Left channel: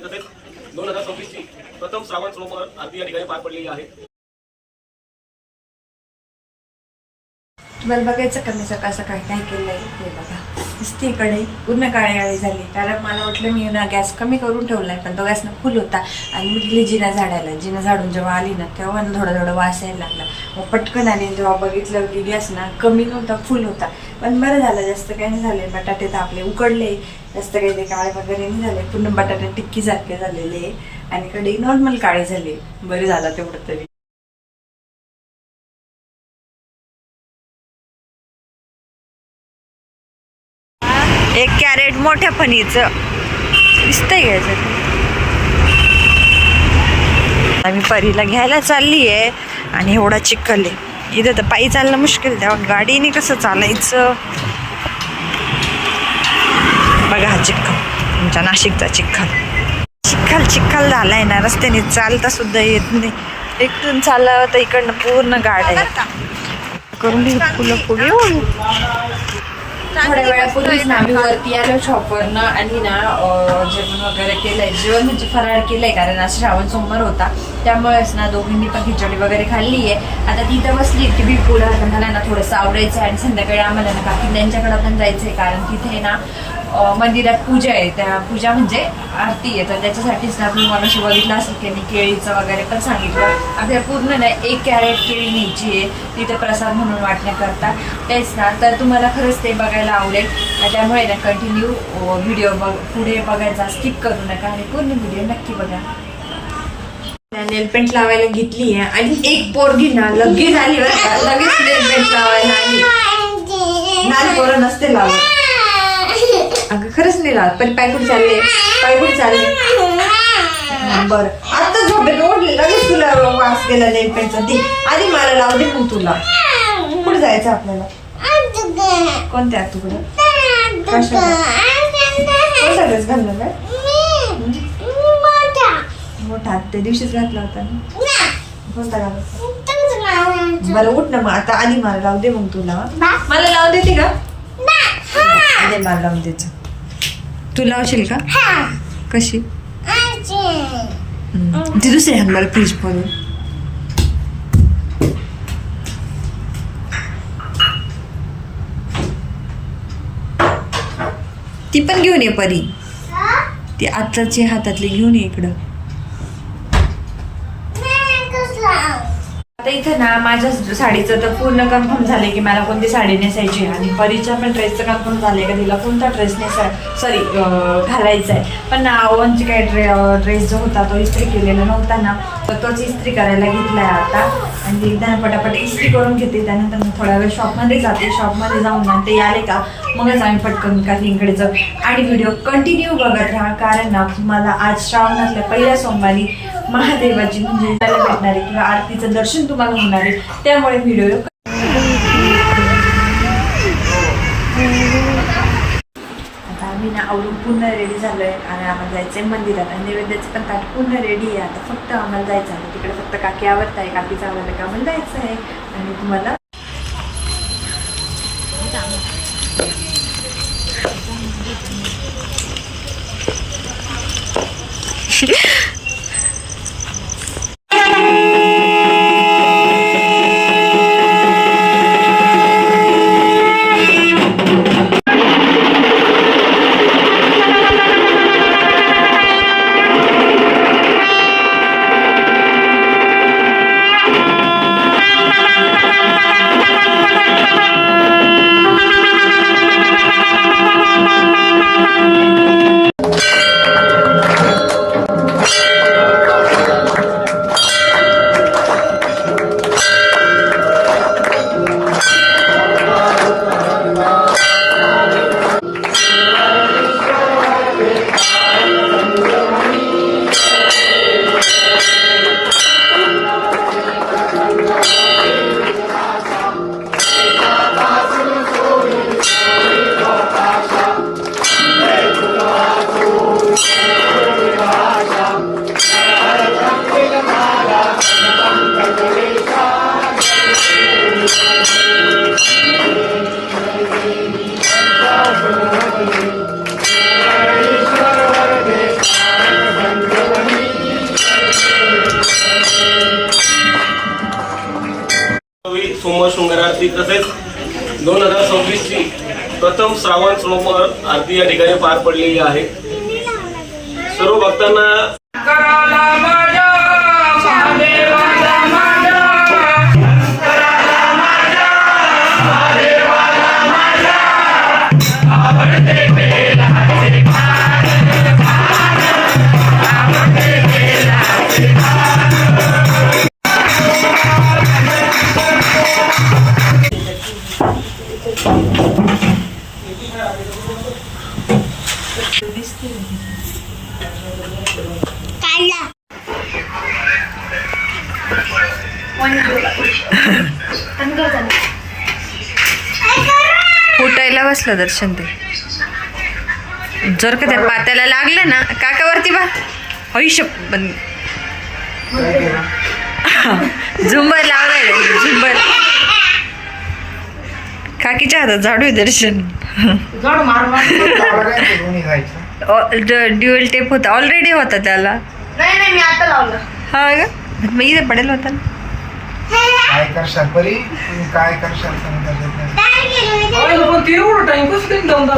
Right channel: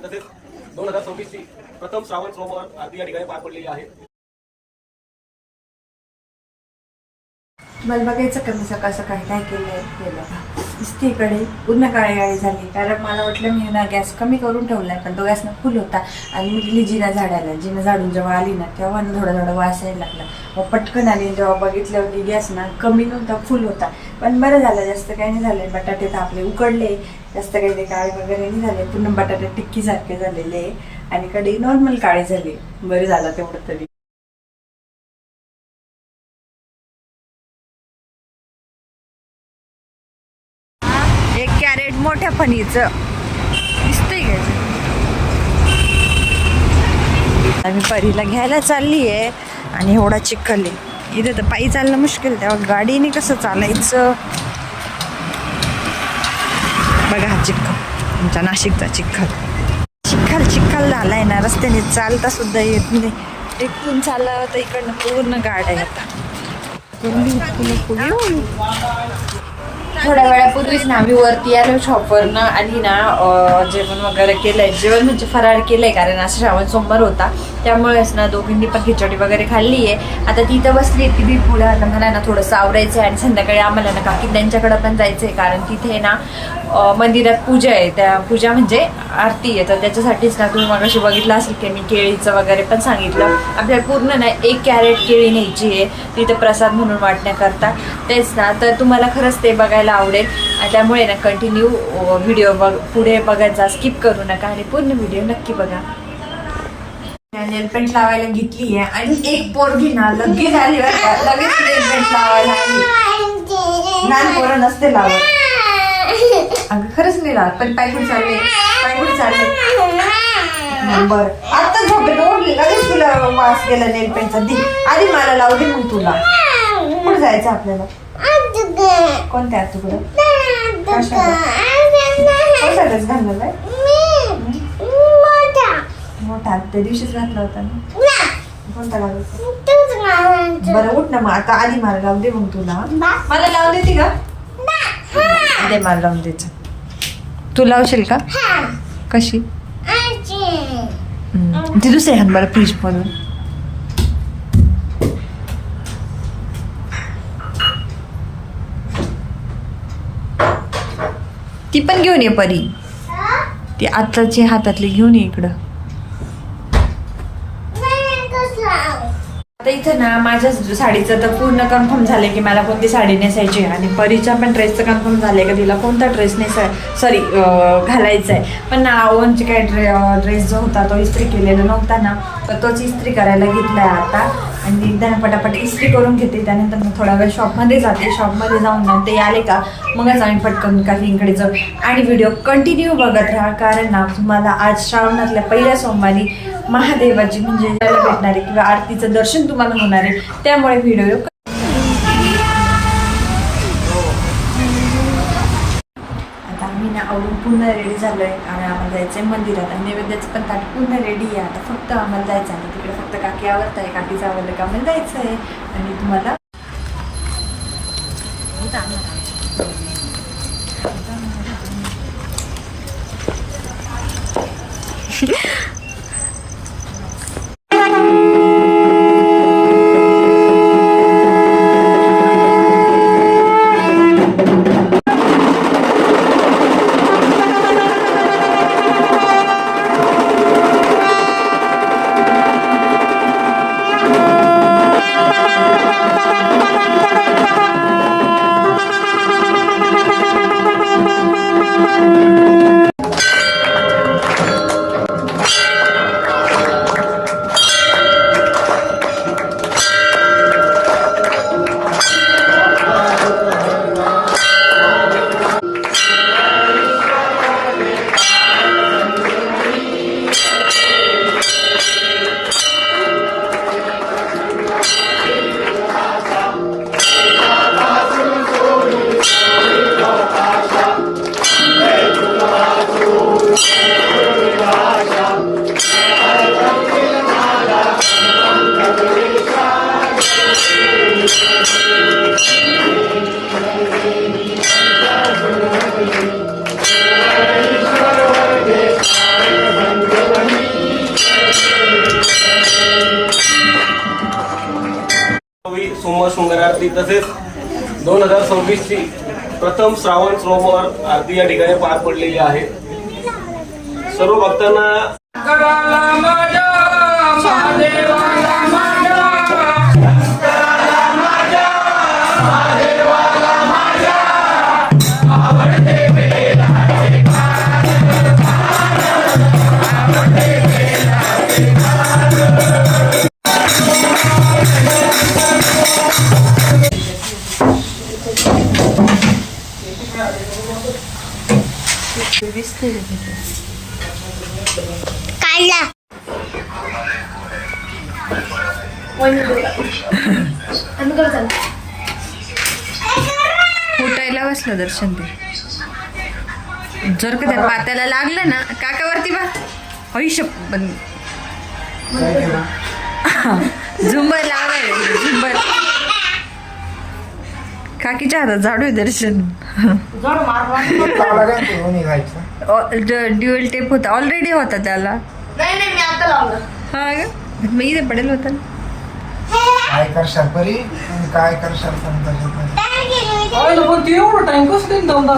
तसेच 2026 ची प्रथम श्रावण सोमवार आरती या ठिकाणी पार पडलेली आहे. तुम्हाला बघायचं का मी सकाळ सकाळी काय केलंय हे बघा. नुसती इकडे पूर्ण काळी झाली कारण मला वाटलं मी ना गॅस कमी करून ठेवलाय पण तो गॅस ना फुल होता आणि मी गेली जिना झाडायला. जिना झाडून जेव्हा आली ना तेव्हा ना थोडा थोडा वास यायला लागला. मग पटकन आली जेव्हा बघितलं की गॅस ना कमी नव्हता फुल होता. पण बरं झालं जास्त काही नाही झाले. बटाटे तर आपले उकडले जास्त काही ते काळे वगैरे नाही झाले. पूर्ण बटाटे टिक्की सारखे झालेले आणि कढई नॉर्मल काळी झाली. बरं झालं तेवढं तरी. एक कॅरेट मोठ्या फणीचं दिसतंय घ्यायचं. आम्ही परीला घ्यायला चालली आहे आणि एवढा चिखल आहे इथं तर पायी चालणं मुश्किल. तेव्हा गाडीने कसं चालायचं बघा. हा चिखल तुमच्या नाशिकचा चिखल चिखल चिखल झालाय ना. रस्त्याने चालता सुद्धा येत नाही. इकडून चाललं तर इकडनं पूर्ण गाड्या करून फुलं फुगे. थोड्या वेळापूर्वीच ना आम्ही वरती आलो शॉपवरनं आणि ना जेवण वगैरे केलंय. जेवण म्हणजे फराळ केलंय कारण आज श्रावण सोमवार होता त्यामुळेच ना दोघींनी पण खिचडी वगैरे खाल्ली आहे. आता तिथं बसली टीव्ही पुढं. आता मला ना थोडंसं आवरायचं आहे आणि संध्याकाळी आम्हाला ना काकी त्यांच्याकडं पण जायचं आहे कारण तिथे ना मंदिरात पूजा आहे. त्या पूजा म्हणजे आरती आहे तर त्याच्यासाठीच ना तुम्ही मगाशी बघितलं असेल की मी केळीचं वगैरे पण सांगितलं. आपल्याला पूर्ण ना 1 कॅरेट केळी न्यायची आहे तिथे प्रसाद म्हणून वाटण्याकरता. तेच ना तर तुम्हाला खरंच ते बघायला आवडेल. त्यामुळे ना कंटिन्यू व्हिडिओ पुढे बघायचा स्किप करू नका आणि पूर्ण व्हिडिओ नक्की बघा. नेल पेंट लावायला घेतली आहे आणि एक पोरगी ना लगेच आली लगेच नेल पेंट लावायला आली. लहान पोरं नसते लावत. अगं खरंच नाही लावत. पण पायकुड चालले पायकुड चालले. बरं आता झोपेत ओढले लगेच तुला वास गेला नेल पेंटचा. दे आधी मला लावू दे मग तुला. कुठे जायचं आपल्याला? कोणत्या तुकडं कोणता ड्रेस घालला काय? मोठा त्या दिवशीच घातला होता ना. कोणता घालायचा? बरं उठ ना मग आता. आधी मला लावू दे मग तुला. मला लावून देते का? दे मला लावून द्यायचं. तू लावशील का? कशी? ती दुसरी हात मला फ्रीज मधून. ती पण घेऊन ये परी. ती आत्ताची हातातली घेऊन ये इकडं. आता इथं ना माझ्या साडीचं तर पूर्ण कन्फर्म झालंय की मला कोणती साडी नेसायची आणि परीचा पण ड्रेसचं कन्फर्म झालंय का तिला कोणता ड्रेस घालायचा आहे. पण ना ओनची काय ड्रेस जो होता तो इस्त्री केलेला नव्हता ना तर तोच इस्त्री करायला घेतलाय आता. आणि एकदा पटापट इस्त्री करून घेते. त्यानंतर मग थोडा वेळ शॉपमध्ये जाते. शॉपमध्ये जाऊन ना ते आले का मगच आम्ही पटकन काकींकडे जाऊ आणि व्हिडिओ कंटिन्यू बघत राहा कारण ना तुम्हाला आज श्रावणातल्या पहिल्या सोमवारी महादेवाची म्हणजे त्याला भेटणार आहे किंवा आरतीचं दर्शन तुम्हाला होणार आहे. त्यामुळे व्हिडिओ आता आम्ही ना आवरून पूर्ण रेडी झालोय आणि आम्हाला जायचंय मंदिरात आणि नैवेद्याचं पण ताट पूर्ण रेडी आहे. आता फक्त आम्हाला जायचं आहे. तिकडे फक्त काकी आवडत आहे. काकीचं आवडलं का आम्हाला जायचं आहे आणि तुम्हाला सोमवार शृंगार आरती तसेच 2026 ची प्रथम श्रावण सोमवार आरती या ठिकाणी पार पडलेली आहे. सर्व भक्तांना काढला फुटायला बसलं दर्शन ते. जर का त्या पात्याला लागलं ना काकावरती बा आयुष्य पण झुंबर लावलाय झुंबर. काकीच्या हातात झाडू आहे दर्शन. ड्युअल टेप होता ऑलरेडी होता त्याला. नाही मी आता लावलं. हा का मग इथे पडेल होता ना. काय करशाल परी काय करशाल समजा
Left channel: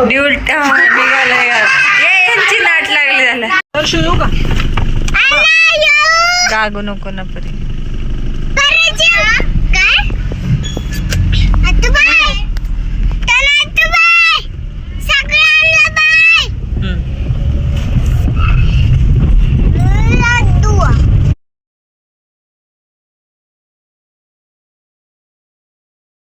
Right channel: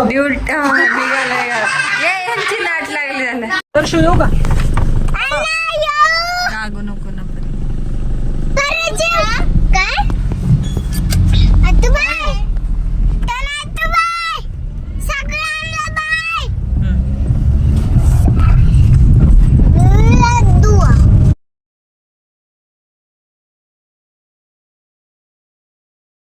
ड्युअल निघालाय यांची नाट लागली झाला. गागो नको ना परी. काय